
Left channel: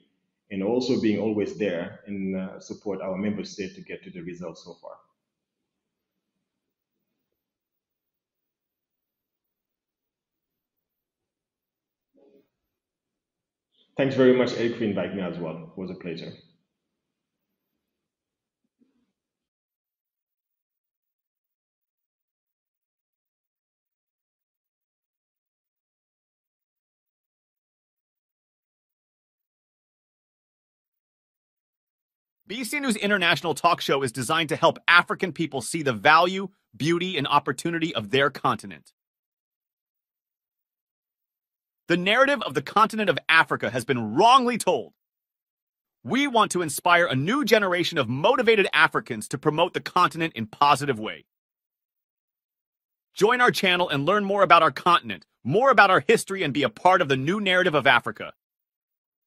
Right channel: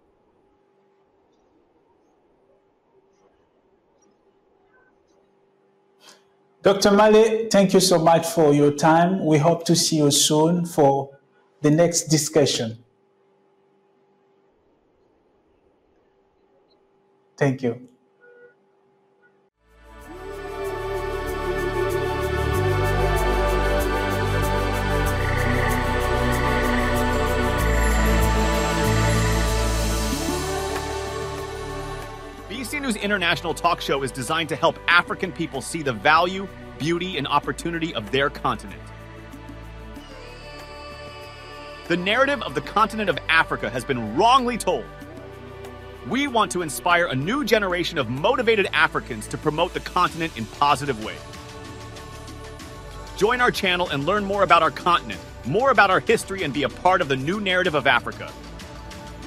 and also being always there and support our member state to get to the results so far. Dr. Malle, thank you so much for your time. We hope to see you soon for the next discussion. Thanks very much, Eric, for inviting me as well. It was a pleasure. Thank you. BC News International Talk Show is designed to help African people see the value, beauty, and opportunity of their continent. The narrative of the continent of Africa has been wrongly told. We want to inspire a new generation of motivated Africans to promote the continent in positive ways. Join our channel and learn more about our continent, more about our history, and be a part of the new narrative of Africa.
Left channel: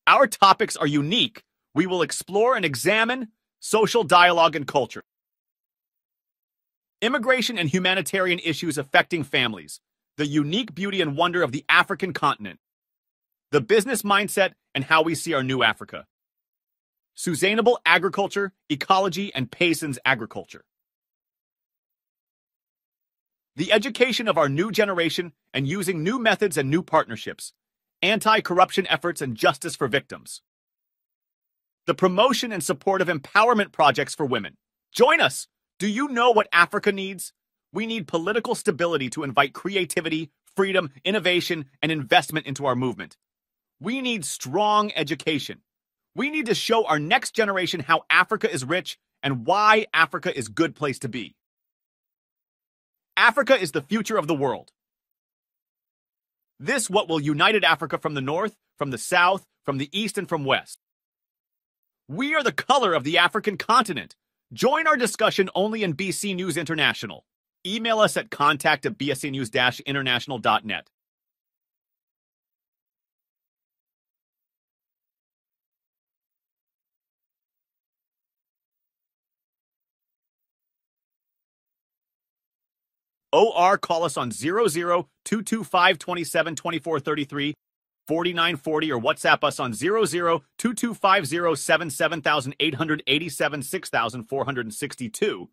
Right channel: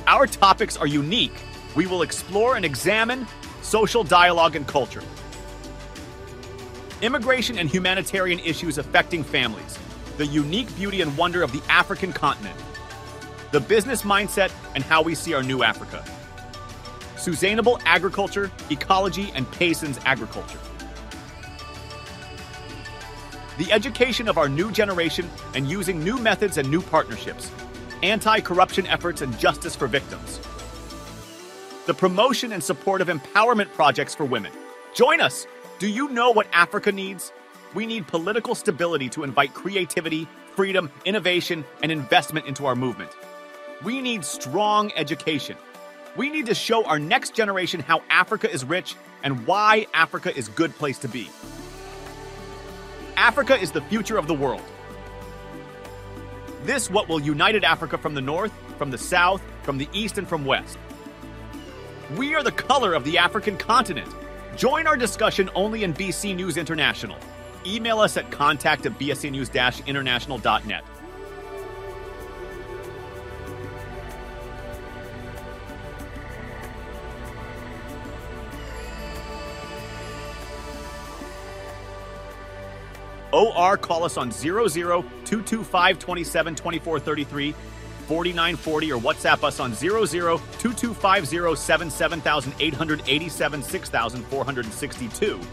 Our topics are unique. We will explore and examine social dialogue and culture, immigration and humanitarian issues affecting families, the unique beauty and wonder of the African continent, the business mindset and how we see our new Africa, sustainable agriculture, ecology, and Payson's agriculture, the education of our new generation and using new methods and new partnerships, anti-corruption efforts and justice for victims, the promotion and support of empowerment projects for women. Join us! Do you know what Africa needs? We need political stability to invite creativity, freedom, innovation, and investment into our movement. We need strong education. We need to show our next generation how Africa is rich and why Africa is a good place to be. Africa is the future of the world. This what will unite Africa from the north, from the south, from the east, and from west. We are the color of the African continent. Join our discussion only in BC News International. Email us at contact@bscnews-international.net. OR, call us on 00-225-27-2433, 4940, or WhatsApp us on 00-2250-77887 6462.